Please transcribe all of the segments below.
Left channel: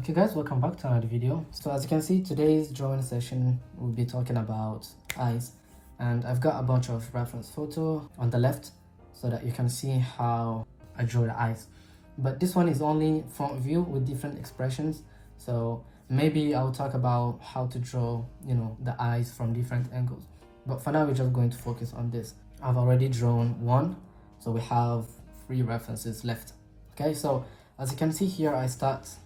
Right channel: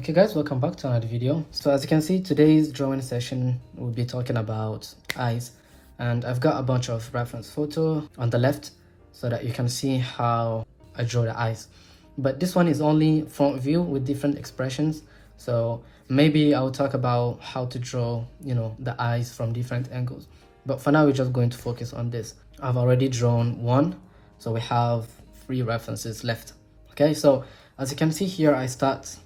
Okay guys, welcome back to another video. So as you can see, today's drawing session will be talking about eyes, and I've got a bunch of reference photo on the left so that you can see how I draw the eyes. But this one is only front view with different expressions, so maybe I'll talk about how to draw, the eyes from different angles. But for now, we're just going to focus on this. I've already drawn one, so we have 3 references left. Okay, so as you can see here, I start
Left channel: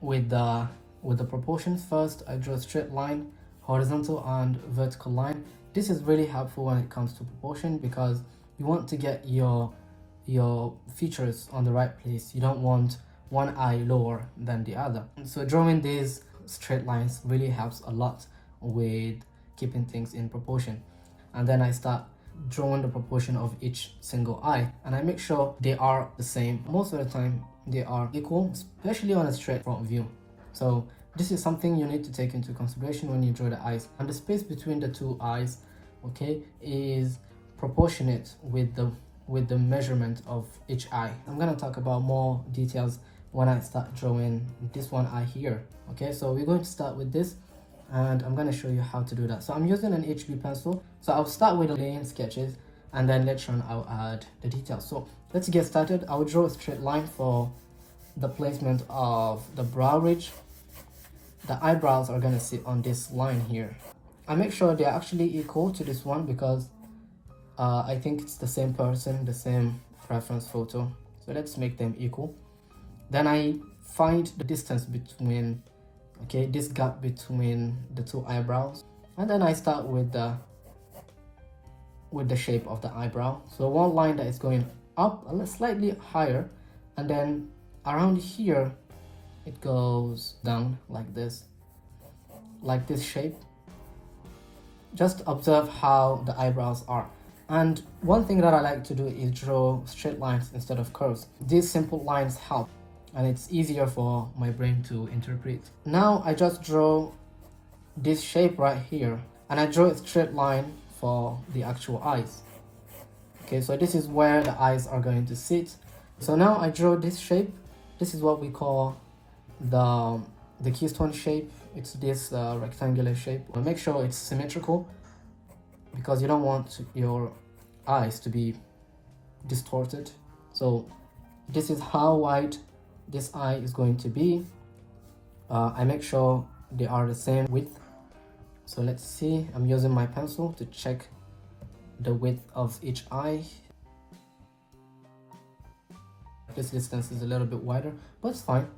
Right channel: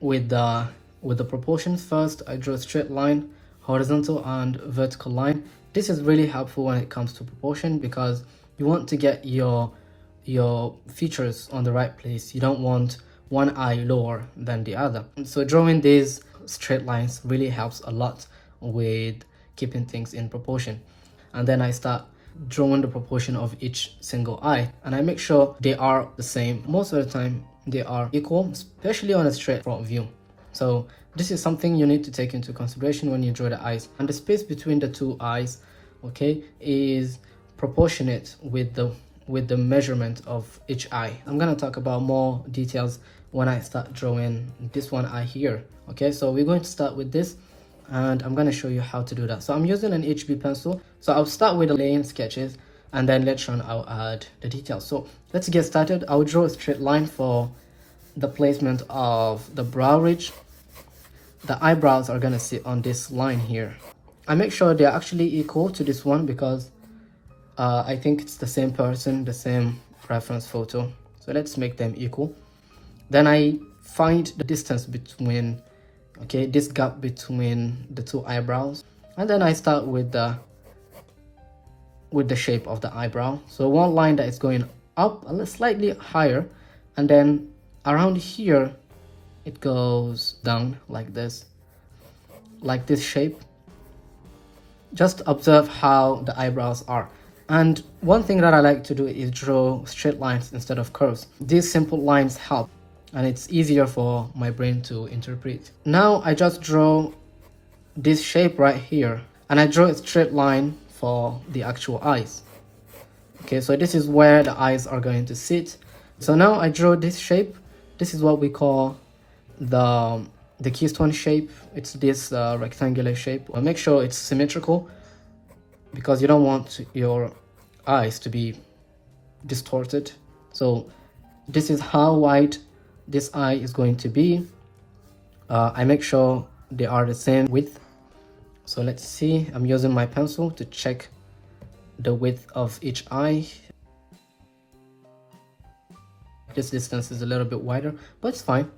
with the proportions. First, I draw a straight line, horizontal and vertical line. This is really helpful when it comes to proportion because you want to get your features on the right place. You don't want one eye lower than the other. So drawing these straight lines really helps a lot with keeping things in proportion. And then I start drawing the proportion of each single eye, and I make sure they are the same. Most of the time they are equal, especially on a straight front view. So this is something you need to take into consideration when you draw the eyes. And the space between the 2 eyes, okay, is proportionate with the measurement of each eye. I'm gonna talk about more details when I start drawing this one eye here. Okay, so we're going to start with this, and I'm going to show you how to do that. So I'm using an HB pencil. So I'll start with the laying sketches, and then later on I'll add the details. So let's get started. I'll draw a straight line for the placement of the brow ridge. The eyebrows are going to sit on this line here. I make sure they're actually equal to this one because I think it's the same person, the same reference photo. So let's make them equal. Then I find the distance between, okay, this gap between the 2 eyebrows, and then I start with the shape of the eyebrow. So one line that is going up a little slightly higher, and then around here it goes down like this shape. Just observe how the eyebrows are. And one thing that I like to do is draw straight lines instead of curves. These simple lines help, and it's easier for my brain to interpret. Now I just draw this shape right here, and I draw a straight line for the actual eyes. Okay, so this is where the eyes are going to sit. So now I draw this shape. This is what we call the keystone shape. It's this rectangular shape. I'll make sure it's symmetrical because you don't want your eyes to be distorted. So this is how wide this eye is going to be. I make sure they are the same width. So let's see, I'm using my pencil to check the width of each eye. This distance is a little bit wider, but it's fine.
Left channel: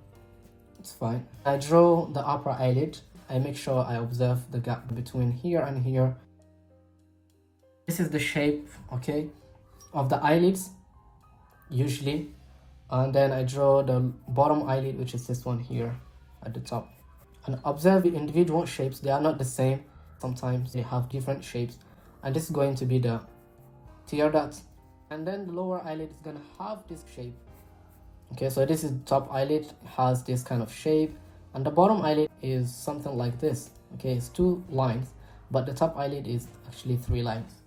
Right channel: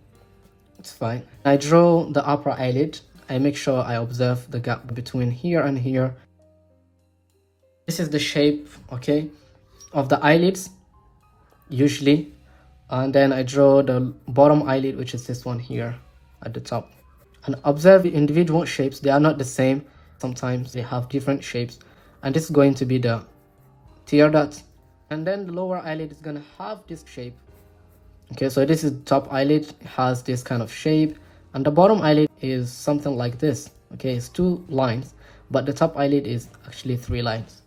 It's fine. I draw the upper eyelid. I make sure I observe the gap between here and here. This is the shape, okay, of the eyelids usually. And then I draw the bottom eyelid, which is this one here at the top. And observe the individual shapes. They are not the same. Sometimes they have different shapes. And this is going to be the tear duct. And then the lower eyelid is going to have this shape. Okay, so this is the top eyelid. It has this kind of shape. And the bottom eyelid is something like this. Okay, it's 2 lines. But the top eyelid is actually 3 lines.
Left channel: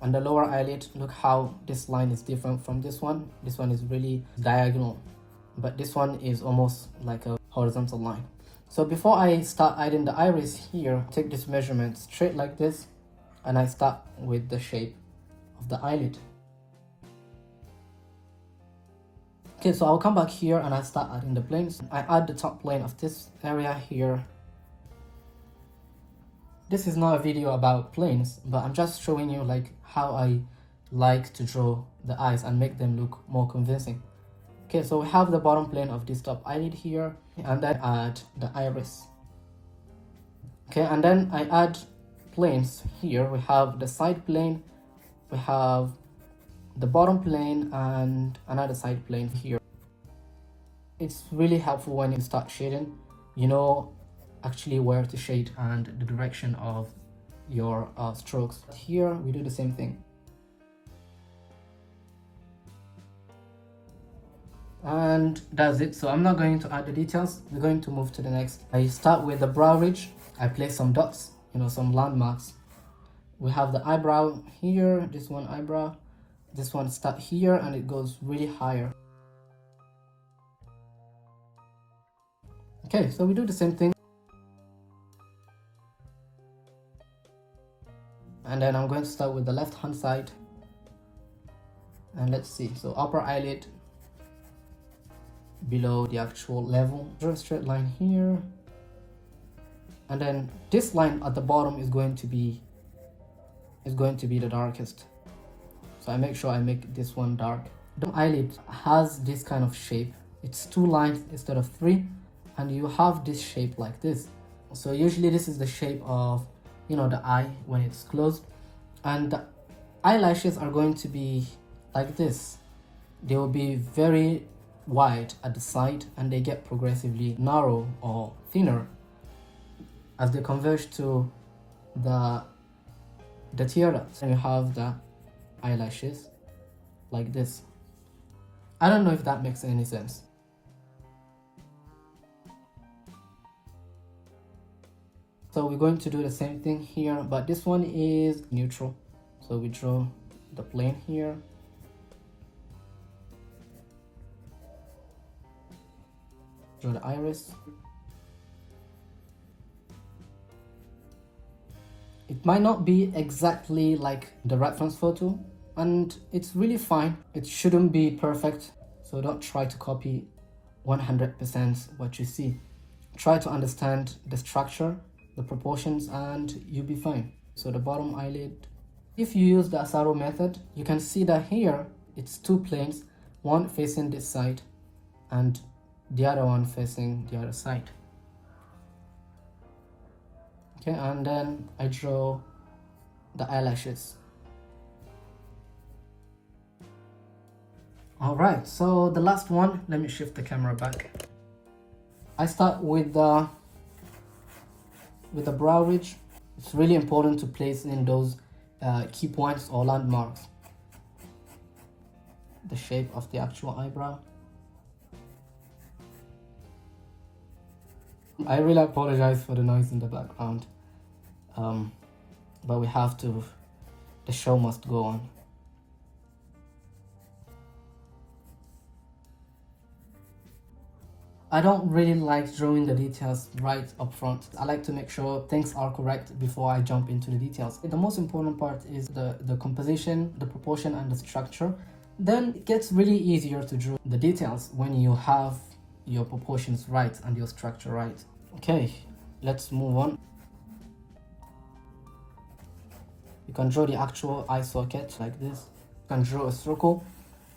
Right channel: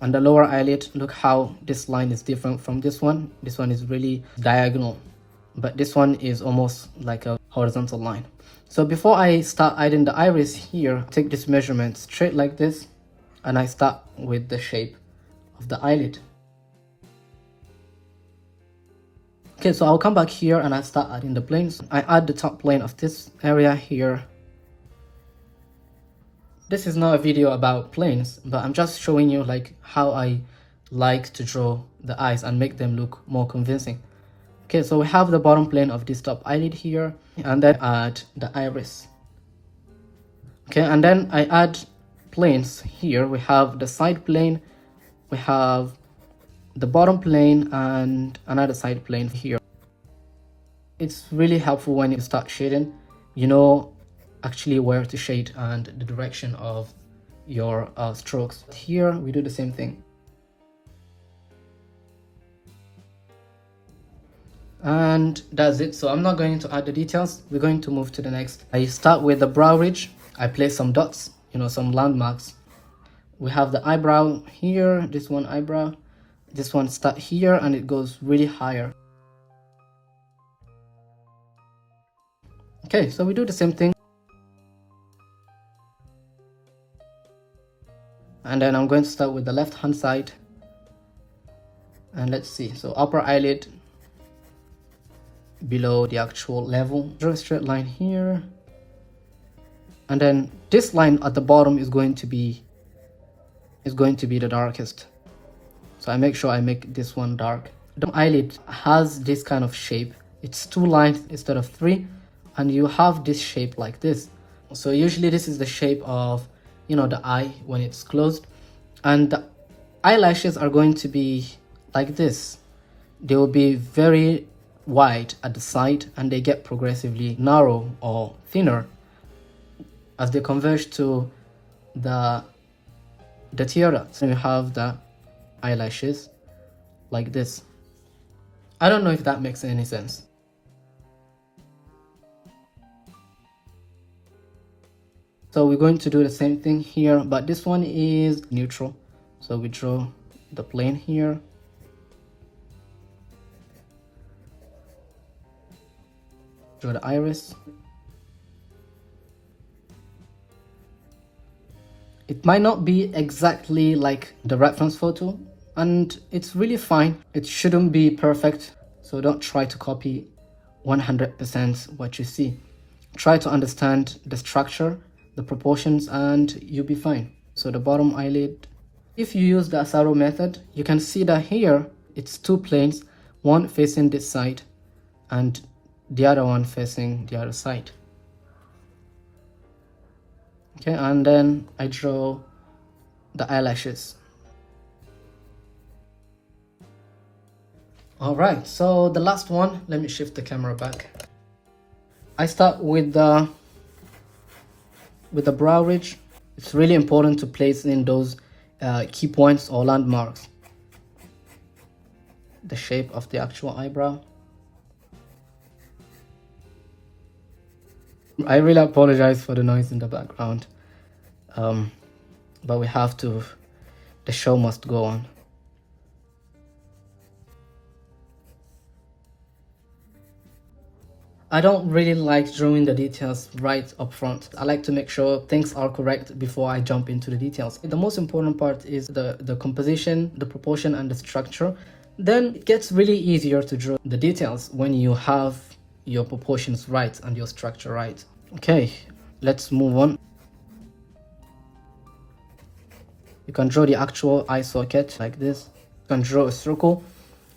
And the lower eyelid, look how this line is different from this one. This one is really diagonal, but this one is almost like a horizontal line. So before I start adding the iris here, take this measurement straight like this, and I start with the shape of the eyelid. Okay, so I'll come back here and I start adding the planes. I add the top plane of this area here. This is not a video about planes, but I'm just showing you like how I like to draw the eyes and make them look more convincing. Okay, so we have the bottom plane of this top eyelid here, and then add the iris. Okay, and then I add planes here. We have the side plane, we have the bottom plane, and another side plane here. It's really helpful when you start shading, you know actually where to shade and the direction of your strokes. Here we do the same thing. And that's it. So I'm not going to add the details. We're going to move to the next. I start with the brow ridge. I place some dots, some landmarks. We have the eyebrow here, this one eyebrow. This one start here and it goes really higher. Okay, so we do the same thing. And then I'm going to start with the left hand side. And let's see, so upper eyelid below the actual level. Draw a straight line here. And then this line at the bottom is going to be the darkest. So I make sure I make this one dark. The eyelid has this kind of shape. It's 2 lines instead of 3, and you have this shape like this. So usually this is the shape of, you know, the eye when it's closed, and the eyelashes are going to be like this. They will be very wide at the side, and they get progressively narrow or thinner as they converge to the tiara. So you have the eyelashes like this. I don't know if that makes any sense. So we're going to do the same thing here, but this one is neutral. So we draw the plane here. Draw the iris. It might not be exactly like the reference photo, and it's really fine. It shouldn't be perfect, so don't try to copy 100% what you see. Try to understand the structure, the proportions, and you'll be fine. So the bottom eyelid, if you use the Asaro method, you can see that here it's 2 planes, one facing this side and the other one facing the other side. Okay, and then I draw the eyelashes. All right, so the last one, let me shift the camera back. I start with the brow ridge. It's really important to place in those key points or landmarks. The shape of the actual eyebrow. I really apologize for the noise in the background, but we have to, the show must go on. I don't really like drawing the details right up front. I like to make sure things are correct before I jump into the details. The most important part is the composition, the proportion, and the structure. Then it gets really easier to draw the details when you have your proportions right and your structure right. Okay, let's move on. You can draw the actual eye socket like this. You can draw a circle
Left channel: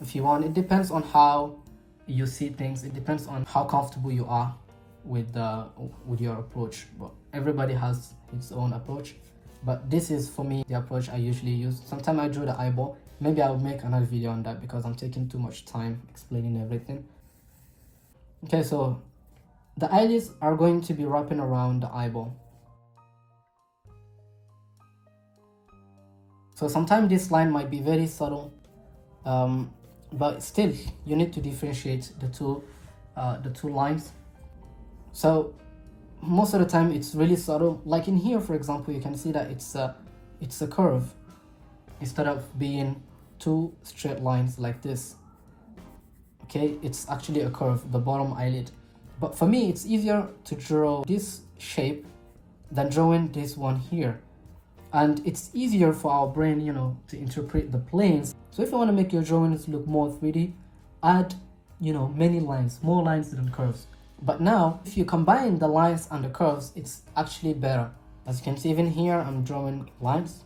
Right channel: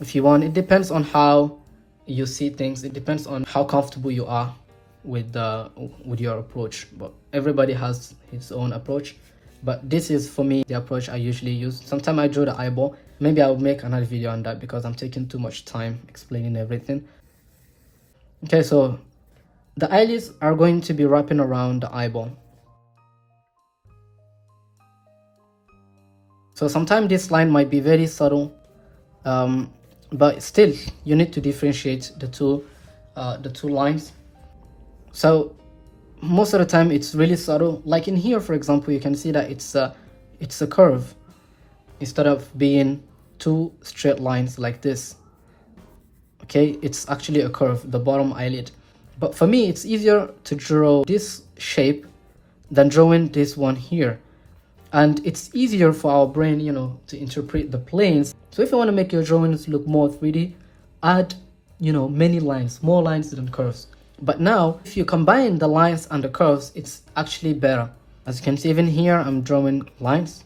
if you want. It depends on how you see things. It depends on how comfortable you are with your approach, but everybody has his own approach. But this is, for me, the approach I usually use. Sometimes I draw the eyeball. Maybe I'll make another video on that because I'm taking too much time explaining everything. Okay, so the eyelids are going to be wrapping around the eyeball. So sometimes this line might be very subtle, but still you need to differentiate the two lines. So most of the time it's really subtle. Like in here, for example, you can see that it's a curve instead of being 2 straight lines like this. Okay, it's actually a curve, the bottom eyelid. But for me, it's easier to draw this shape than drawing this one here. And it's easier for our brain, you know, to interpret the planes. So if you want to make your drawings look more 3D, add, you know, many lines, more lines than curves. But now, if you combine the lines and the curves, it's actually better. As you can see, even here, I'm drawing lines.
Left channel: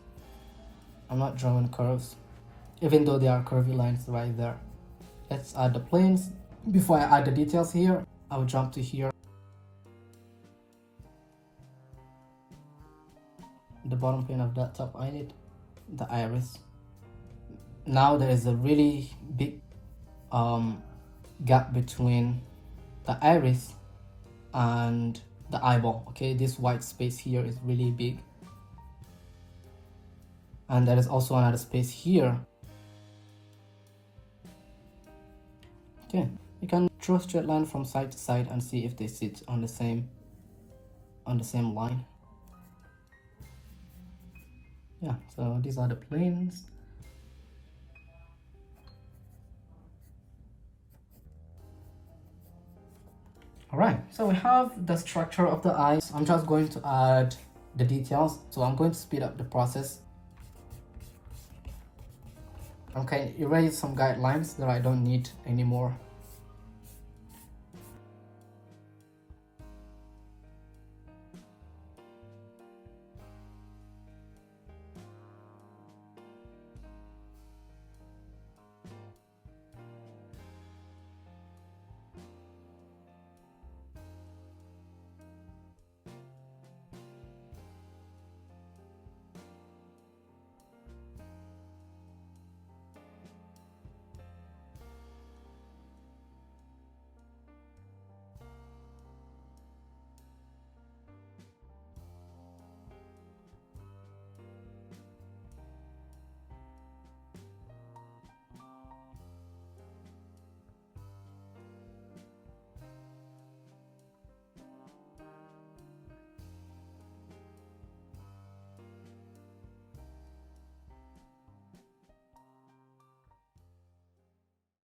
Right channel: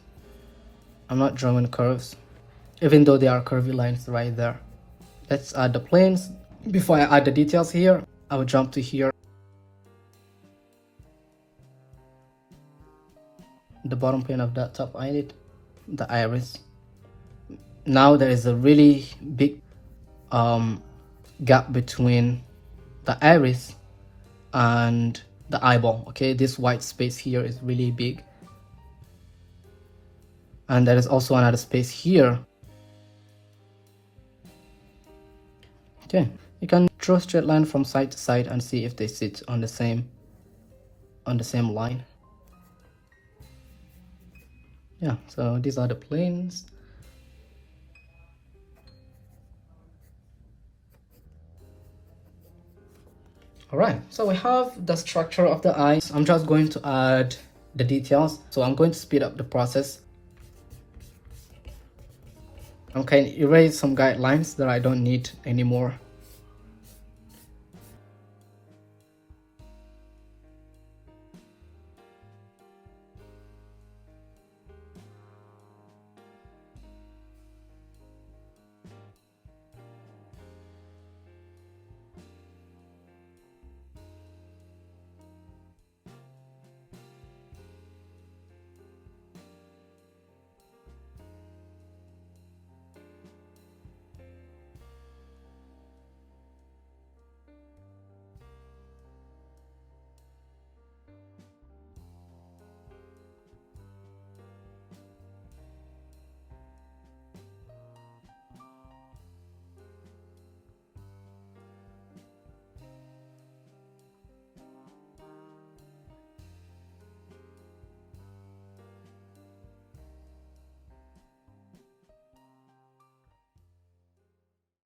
I'm not drawing curves, even though they are curvy lines right there. Let's add the planes. Before I add the details here, I will jump to here. The bottom plane of that top eyelid, the iris. Now there is a really big gap between the iris and the eyeball. Okay, this white space here is really big, and there is also another space here. Okay, you can draw a straight line from side to side and see if they sit on the same line. Yeah, so these are the planes. Alright, so we have the structure of the eyes. I'm just going to add the details. So I'm going to speed up the process. Okay, erase some guidelines that I don't need anymore.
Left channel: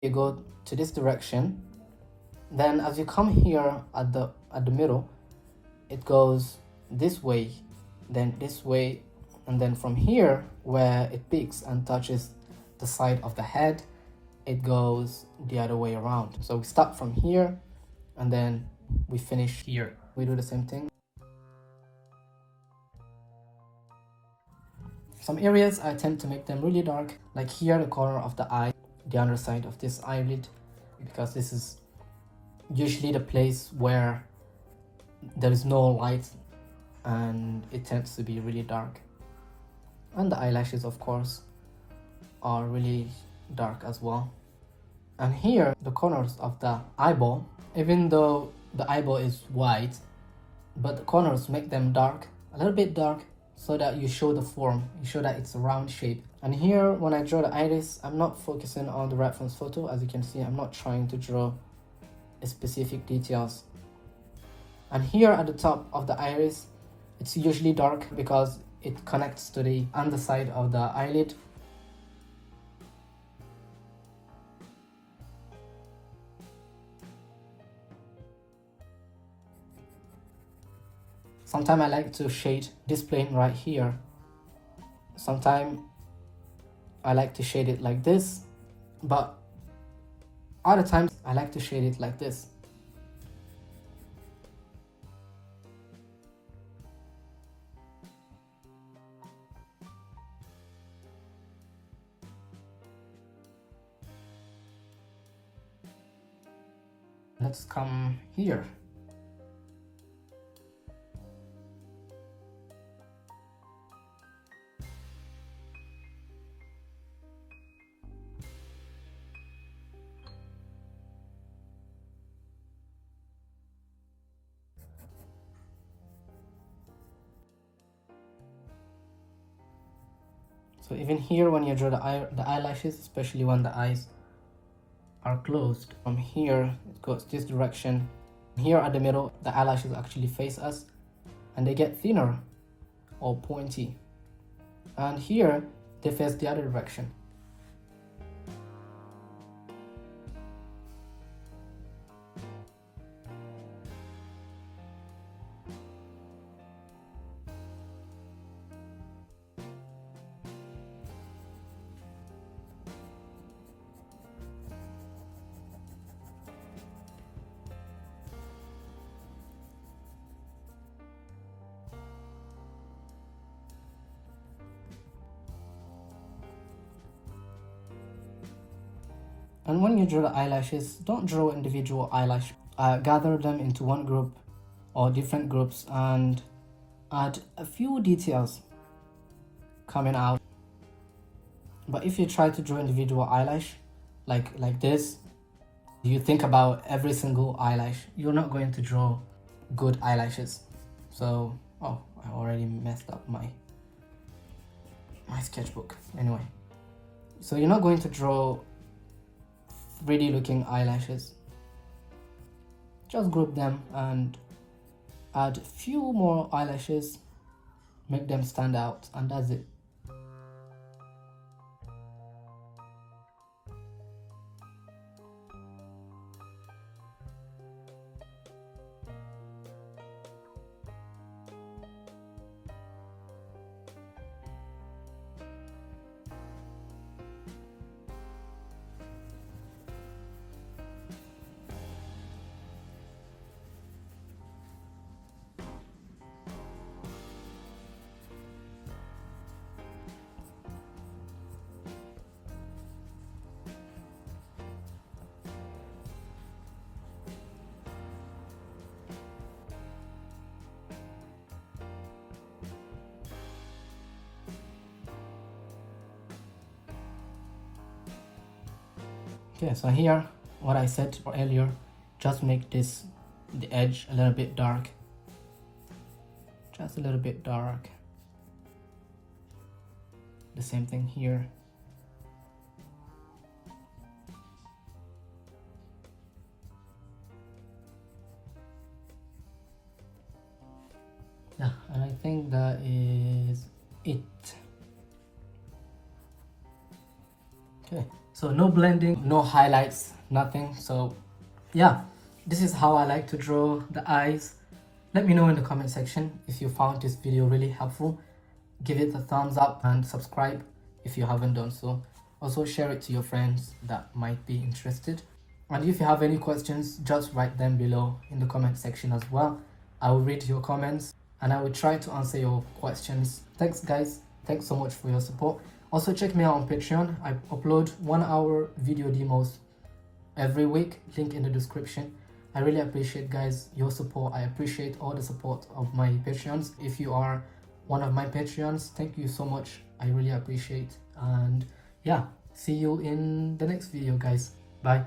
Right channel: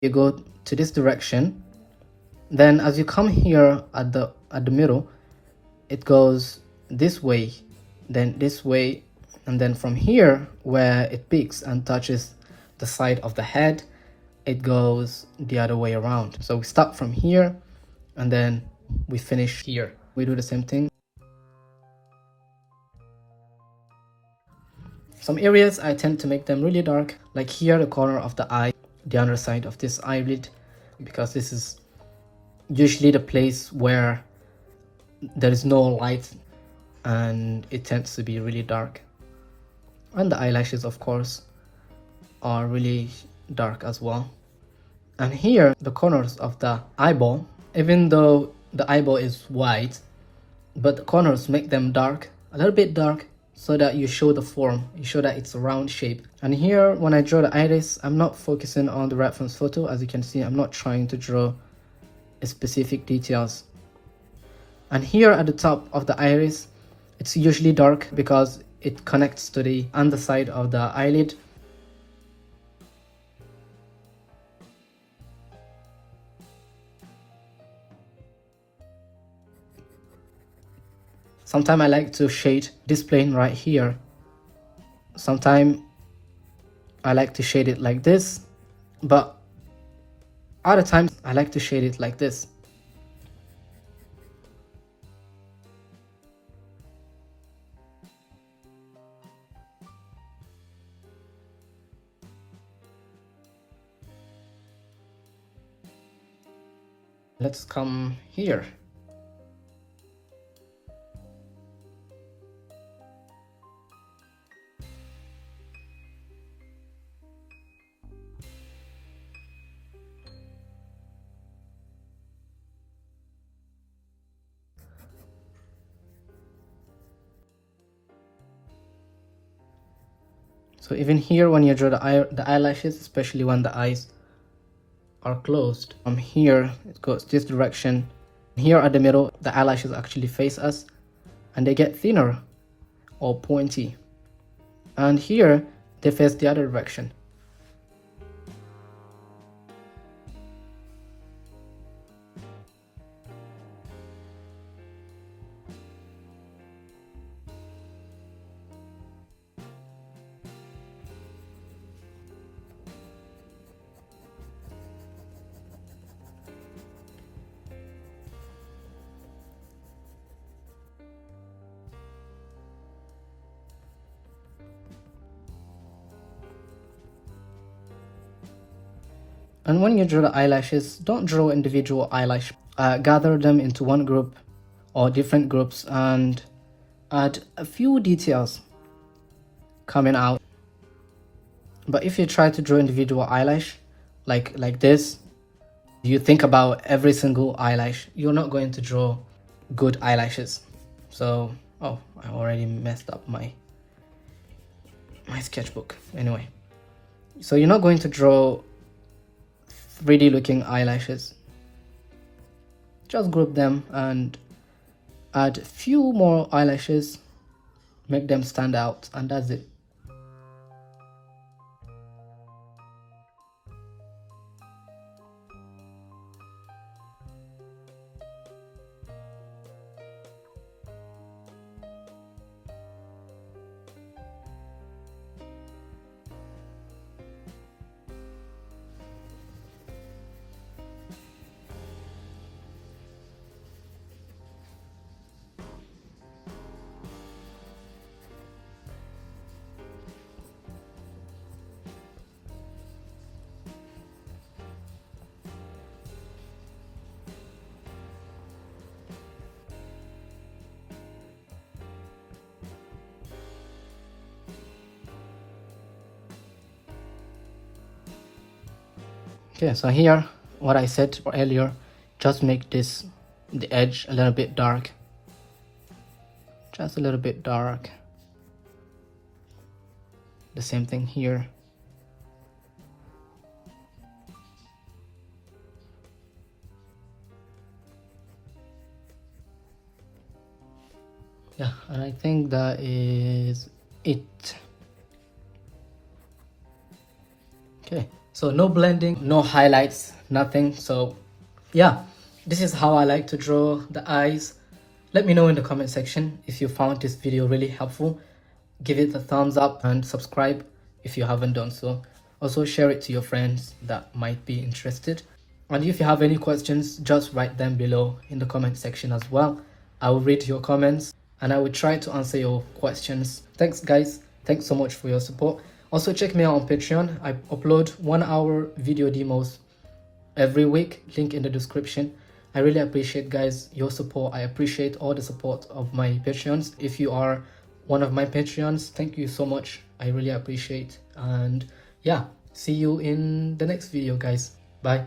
You go to this direction, then as you come here at the middle, it goes this way, then this way, and then from here where it peaks and touches the side of the head, it goes the other way around. So we start from here and then we finish here. We do the same thing. Some areas I tend to make them really dark, like here the corner of the eye, the other side of this eyelid, because this is usually the place where there is no light and it tends to be really dark. And the eyelashes, of course, are really dark as well. And here the corners of the eyeball, even though the eyeball is white, but the corners make them dark, a little bit dark, so that you show the form, you show that it's a round shape. And here when I draw the iris, I'm not focusing on the reference photo. As you can see, I'm not trying to draw specific details. And here at the top of the iris, it's usually dark because it connects to the underside of the eyelid. Sometimes I like to shade this plane right here. Sometimes I like to shade it like this, but other times I like to shade it like this. Let's come here. So even here when you draw the eyelashes, especially when the eyes are closed, from here it goes this direction. Here at the middle, the eyelashes actually face us and they get thinner or pointy. And here they face the other direction. And when you draw the eyelashes, don't draw individual eyelash. Gather them into one group or different groups and add a few details coming out. But if you try to draw individual eyelash like this, you think about every single eyelash, you're not going to draw good eyelashes. So, oh, I already messed up my sketchbook. Anyway, so you're not going to draw 3D looking eyelashes. Just group them and add a few more eyelashes, make them stand out, and that's it. Okay, so here, what I said earlier, just make this, the edge a little bit dark. Just a little bit dark. The same thing here. Yeah, and I think that is it. Okay, so no blending, no highlights, nothing. So yeah, this is how I like to draw the eyes. Let me know in the comment section if you found this video really helpful. Give it a thumbs up and subscribe if you haven't done so. Also share it to your friends that might be interested. And if you have any questions, just write them below in the comment section as well. I will read your comments and I will try to answer your questions. Thanks guys. Thanks so much for your support. Also check me out on Patreon. I upload 1-hour video demos every week. Link in the description. I really appreciate guys your support. I appreciate all the support of my Patreons. If you are one of my Patreons, thank you so much. I really appreciate. And yeah, see you in the next video guys. Bye.